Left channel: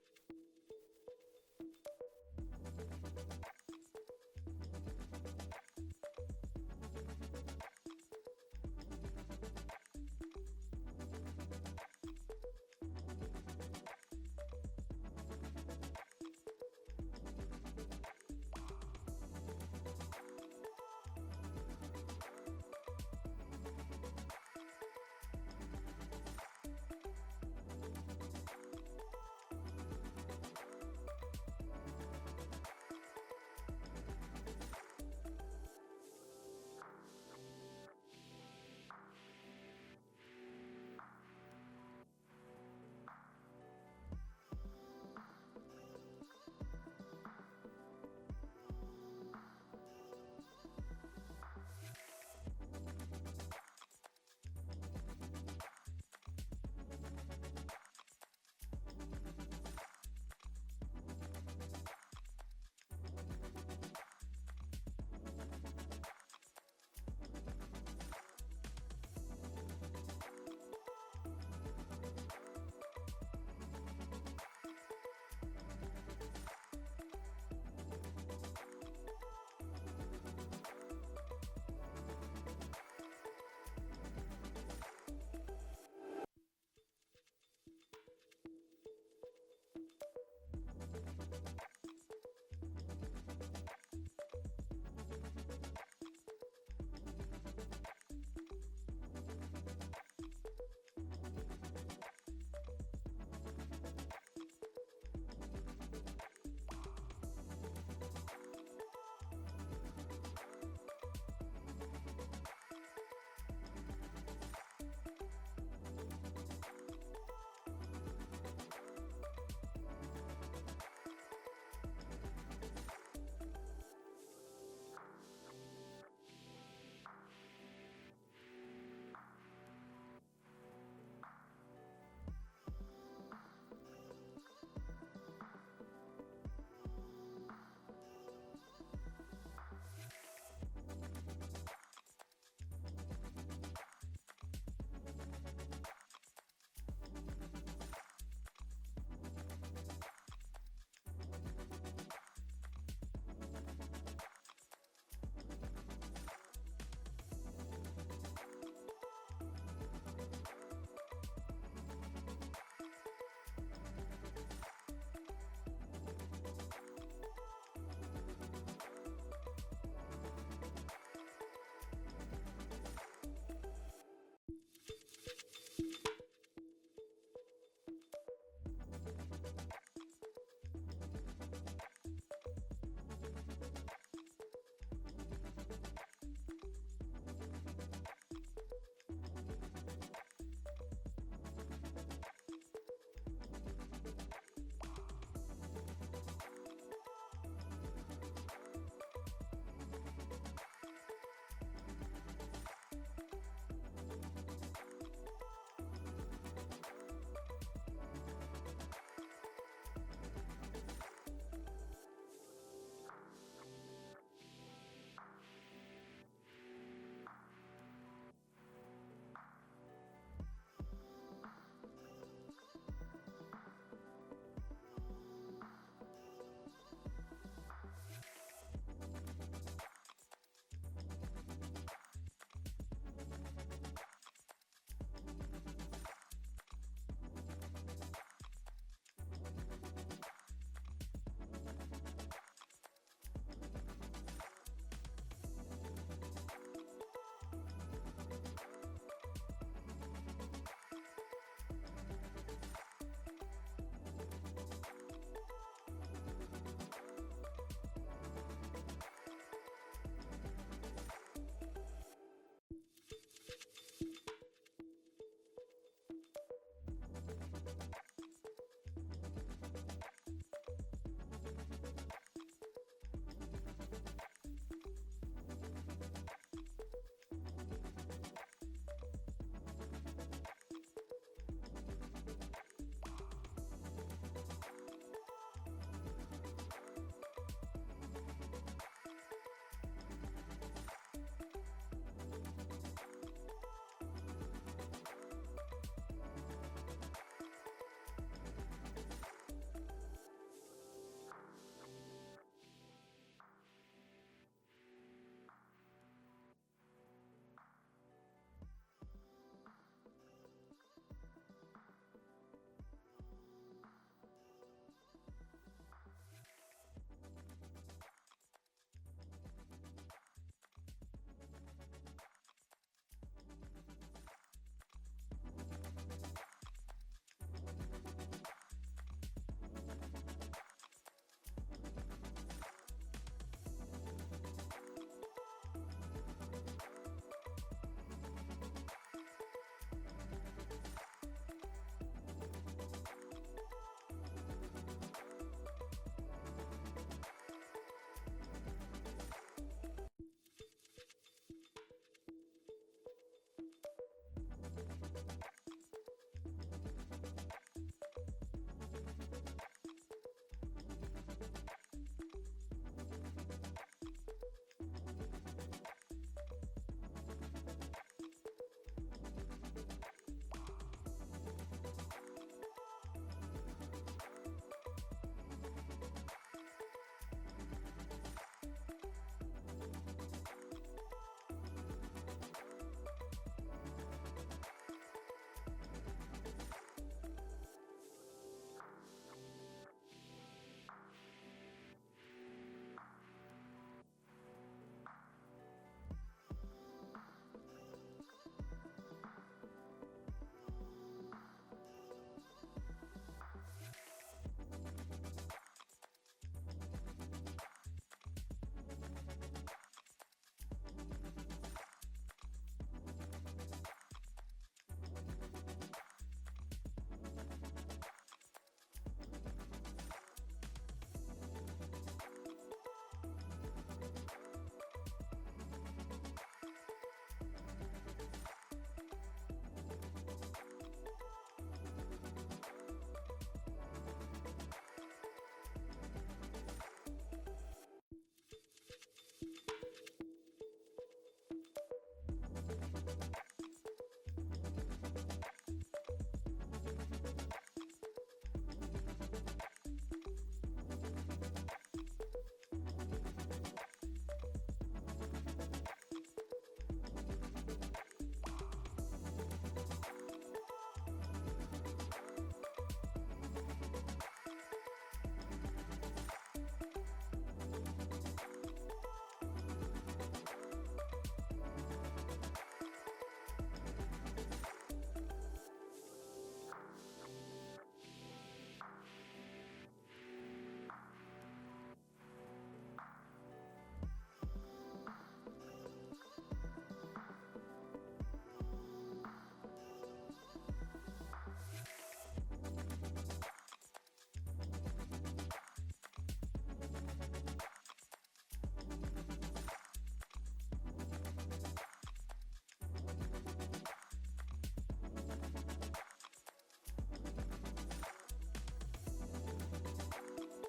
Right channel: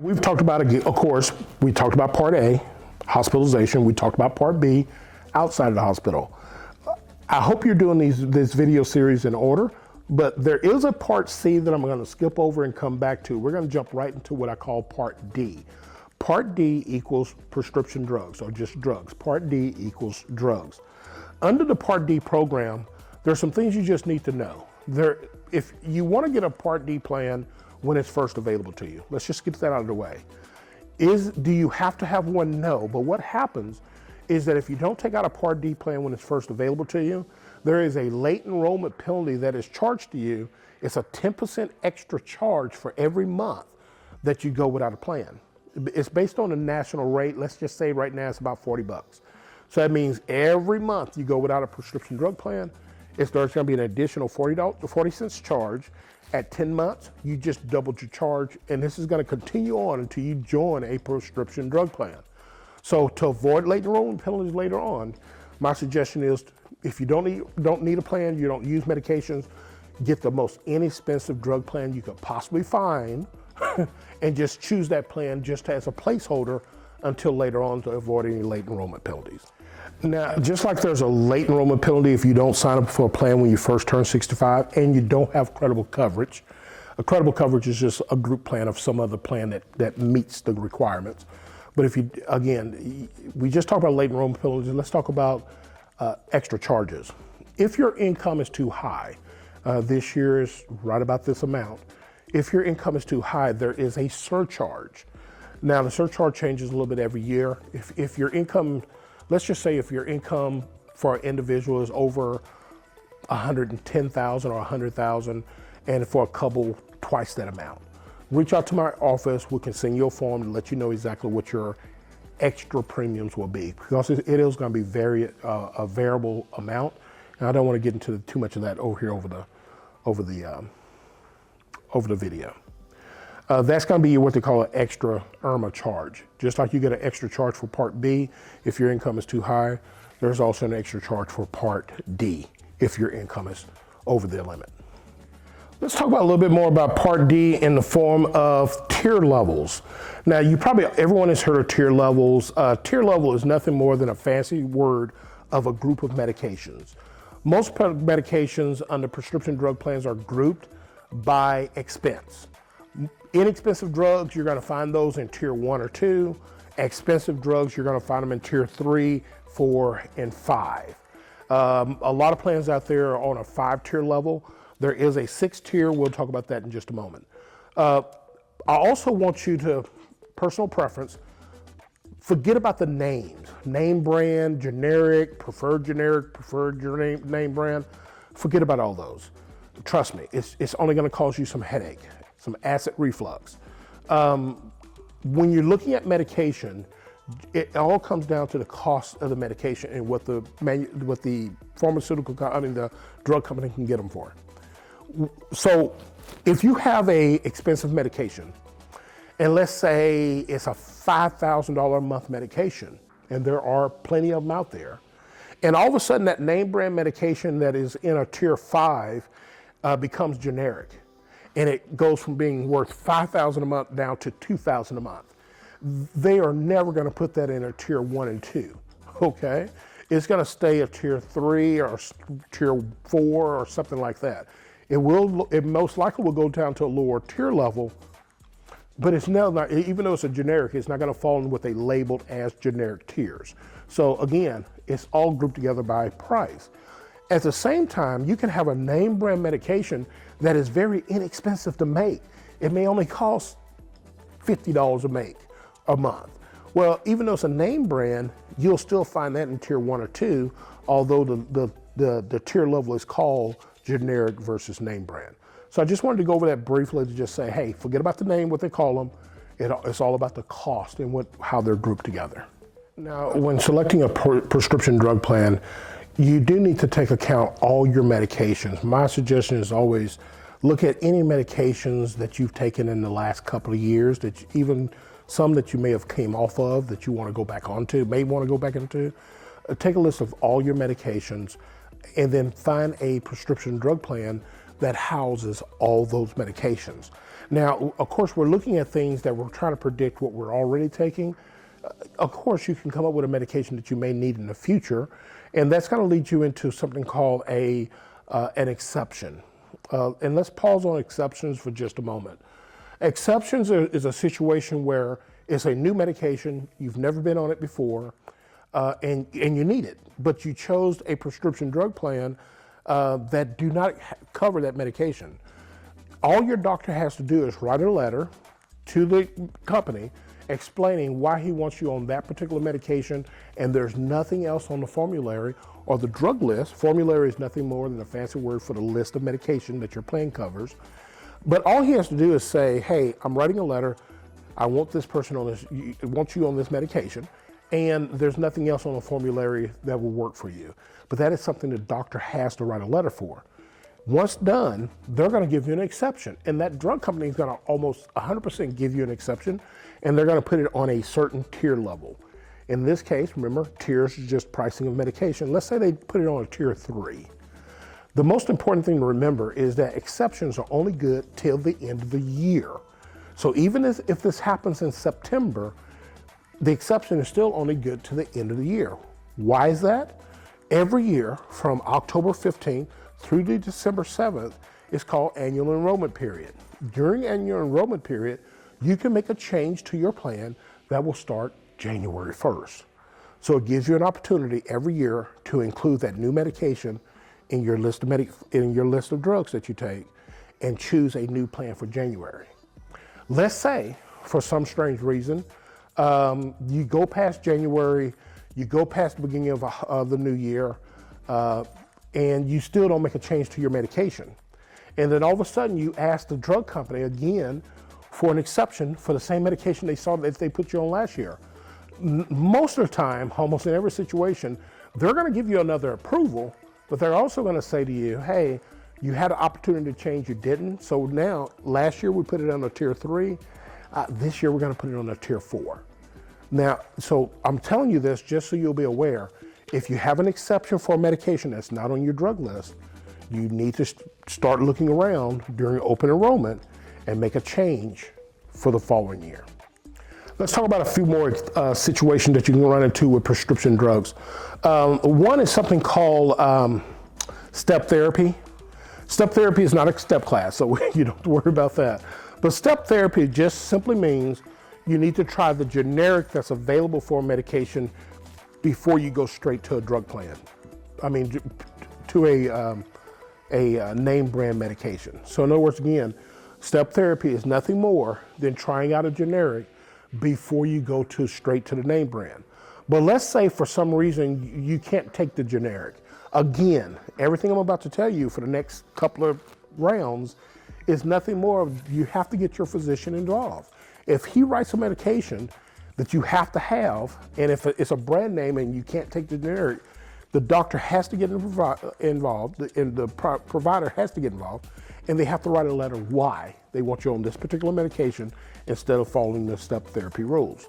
We've talked about, of course, we talked about Part A, hospitalization. We talked about Part B, outside of the hospital. I hope you're doing this video series in order, but there is a Part C that I'm going to skip over and come back to. We're going to jump right into what I call Part D. Part D equals prescription drugs, or just drugs. Part D equals drugs. Under the Part D program, there's some things you just need to know. If you want to get a Part D plan when it's first available to you, let's just get that out of the way. Do you have to have one? No, but what happens is that if you don't take out a Part D plan when it's first available to you, there is a late enrollment penalty that is charged to you. It's a 10% extra charge for every month that you go without a plan. It's based on a national rate. Let's just say right now it's about 40 bucks. So that means every month you go without a prescription drug plan, there's going to be an additional 40 cents charge. At 10 months, you just doubled your charge, and this is going to continue on until you join a prescription drug plan. So to avoid late enrollment penalties later on, my suggestion is if you don't need a plan, you don't use medications, get the most inexpensive drug plan you could possibly find and just choose that plan just as a placeholder until later on to avoid any late enrollment penalties. Now, just like there's a late enrollment penalty if you don't sign up for a plan when you first turn 65 and you don't have credible coverage. A credible coverage is just a group plan of some other plan that meets the requirements. But if you, again, we just talked about late enrollment penalties, let's talk about extra charges. If your income is too high, this year is right about this amount. If your income is too high, there is a surcharge. Now, the surcharge changes a little bit every year. If your income, let's just say if your income for an individual is over 110,000 or 100,000, and for a couple, twice that amount. Reach out to my office. We can send you a form to let you know exactly what your extra premiums will be, because it is going to be a variable amount. And I don't want to get into too much of that over here over the video. That's going to be what they call an extra IRMAA charge. Just like you get an extra charge for Part B if your income is too high, there's also an extra charge for Part D if your income is over the limit. Let's talk about a little bit more about Part D in the form of tier levels. Now, everyone has heard of tier levels. Tier level is nothing more than a fancy word of a group of medications. Most medications under prescription drug plans are grouped by expense. Inexpensive drugs, you're going to find those in tier 1 or 2. Expensive drugs, you're going to find them in tier 3, 4, and 5. A lot of plans out there are on a 5-tier level. There is a 6th tier. We'll talk about that in just a moment. I also want you to, personal preference, forget about the names. Name brand, generic, preferred name brand. Forget about all those. Trust me, it's only going to cause you some headache, some acid reflux. When you're looking at medication, it all comes down to the cost of the medication and what the the drug company can get them for. So if you have a expensive medication, and let's say it's a $5,000 a month medication, and there are plenty of them out there, and all of a sudden that name brand medication that is in a tier 5 becomes generic, and it goes from being worth $5,000 a month down to $2,000 a month. They are never going to put that in a tier 1 and 2, okay? It's going to stay a tier 3 or tier 4 or something like that. It most likely will go down to a lower tier level, but it's not, even though it's a generic, it's not going to fall in what they labeled as generic tiers. So again, it's all grouped together by price. At the same time, you can have a name brand medication that is very inexpensive to make. It may only cost $50 to make a month. Well, even though it's a name brand, you'll still find that in tier 1 or 2, although the tier level is called generic versus name brand. So I just wanted to go over that briefly to just say, hey, forget about the name, what they call them. It's all about the cost and how they're grouped together. Now, when selecting a prescription drug plan, you do need to take account all your medications. My suggestion is always look at any medications that you've taken in the last couple of years, even some that you may have came off of that you want to go back onto, may want to go back into. Take a list of all your medications and then find a prescription drug plan that houses all those medications. Now, of course, we're looking at things that we're trying to predict what we're already taking. Of course, you can come up with a medication that you may need in the future, and that's going to lead you into something called an exception. And let's pause on exceptions for just a moment. Exceptions is a situation where it's a new medication, you've never been on it before, and you need it, but you chose a prescription drug plan that do not cover that medication. All your doctor has to do is write a letter to the company explaining why he wants you on that particular medication, and there's nothing else on the formulary or the drug list. Formulary is nothing more than a fancy word for the list of medication that your plan covers. But all he has to do is say, hey, I'm writing a letter, I want this person on this, want you on this medication, and there's nothing else on the formulary that will work for you. But that is something the doctor has to write a letter for. Once done, they're going to give you an exception, and that drug company is going to almost 100% give you an exception, and they're going to put it on a certain tier level. In this case, remember, tiers is just pricing of medication. Let's say they put it on a tier 3. The most important thing to remember is that exceptions are only good till the end of the year. So even if this happens in September, the exception is still only good to the end of the year. Why is that? Every year from October 15th through to December 7th is called Annual Enrollment Period. During Annual Enrollment Period, you can make a change to your plan that will start January 1st. So it gives you an opportunity every year to include that new medication in your list of drugs that you take and choose a new plan for January. Let's say, for some strange reason, you go past January, you go past the beginning of the new year, and you still don't make a change to your medication. And then all of a sudden you ask the drug company again for an exception for the same medication they saw that they put you on last year. Most of the time, almost in every situation, they're going to give you another approval, but they're also going to say to you, hey, you had an opportunity to change, you didn't. So now, last year we put it on a tier 3. This year we're going to put it on a tier 4. Now, so I'm telling you this just so you'll be aware. If you have an exception for a medication that's not on your drug list, you need to start looking around during open enrollment and make a change for the following year. Let's talk about a few more situations that you can run into with prescription drugs. One is something called step therapy. Step therapy is not a step class, so you don't have to worry about that. But step therapy just simply means you need to try the generic that's available for a medication before you go straight to a drug plan. I mean, to a name brand medication. So in other words, again, step therapy is nothing more than trying out a generic before you go straight to the name brand. But let's say for some reason you can't take the generic. Again, everything I'm about to tell you for the next couple of rounds is nothing more of you have to get your physician involved. If he writes a medication that you have to have, and if it's a brand name and you can't take the generic, the doctor has to get involved, and the provider has to get involved, and they have to write a letter why they want you on this particular medication instead of following the step therapy rules.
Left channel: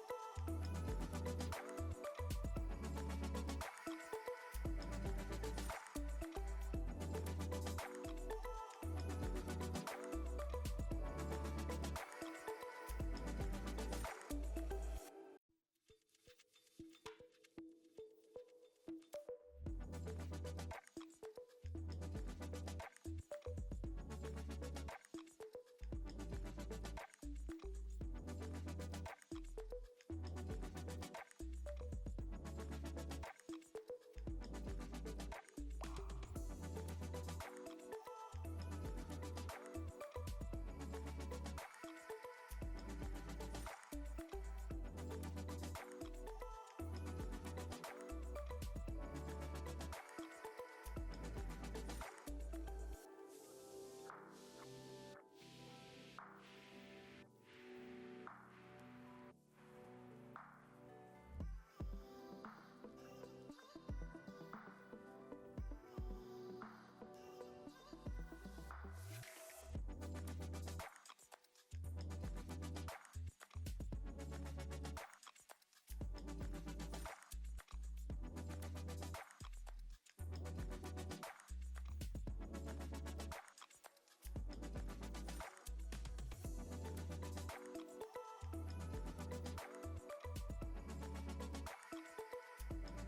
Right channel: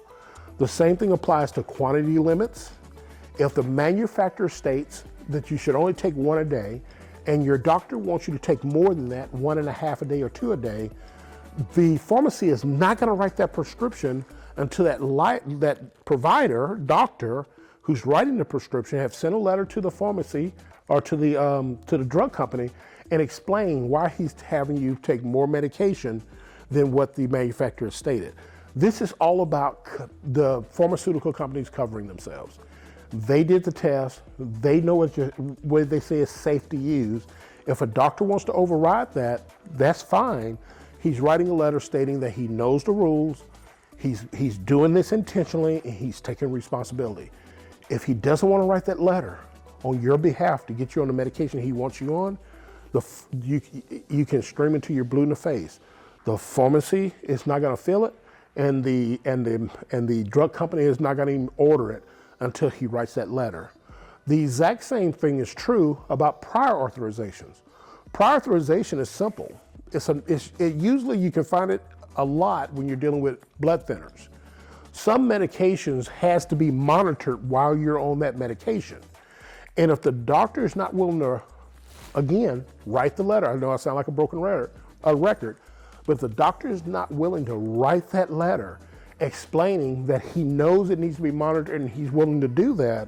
The same thing applies to quantity limits. If the manufacturer states that you should only take 1 a day, and your doctor wants you to take more than that, 1.5 a day or 2 a day, the pharmacy is not going to write that prescription until that provider, doctor, who's writing the prescription have sent a letter to the pharmacy or to the drug company and explain why he's having you take more medication than what the manufacturer stated. This is all about the pharmaceutical companies covering themselves. They did the test. They know what they say is safe to use. If a doctor wants to override that, that's fine. He's writing a letter stating that he knows the rules. He's doing this intentionally, and he's taking responsibility. If he doesn't want to write that letter on your behalf to get you on the medication he wants you on, you can scream into your blue in the face. The pharmacy is not going to fill it, and the drug company is not going to even order it until he writes that letter. The exact same thing is true about prior authorizations. Prior authorization is simple. Usually you can find it a lot when you're dealing with blood thinners. Some medications has to be monitored while you're on that medication. And if the doctor is not willing to, again, write the letter, I know I sound like a broken record, But if the doctor is not willing to write that letter explaining that he knows it needs to be monitored and he's willing to do that,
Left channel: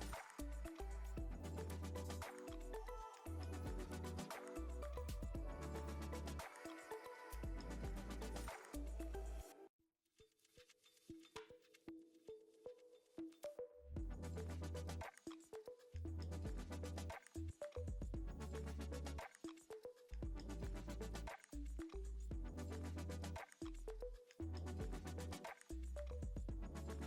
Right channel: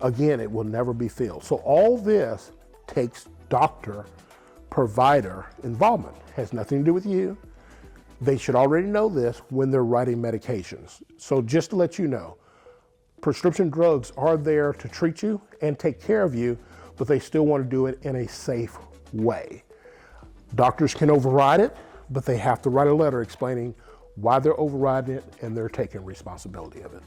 again, it will never be filled. So all this takes doctor-provider involvement. It has nothing to do with you. They should already know this when they're writing medications. So just to let you know, prescription drugs are there to treat you and take care of you, but they still want to do it in a safe way. Doctors can override it, but they have to write a letter explaining why they're overriding it and they're taking responsibility of it.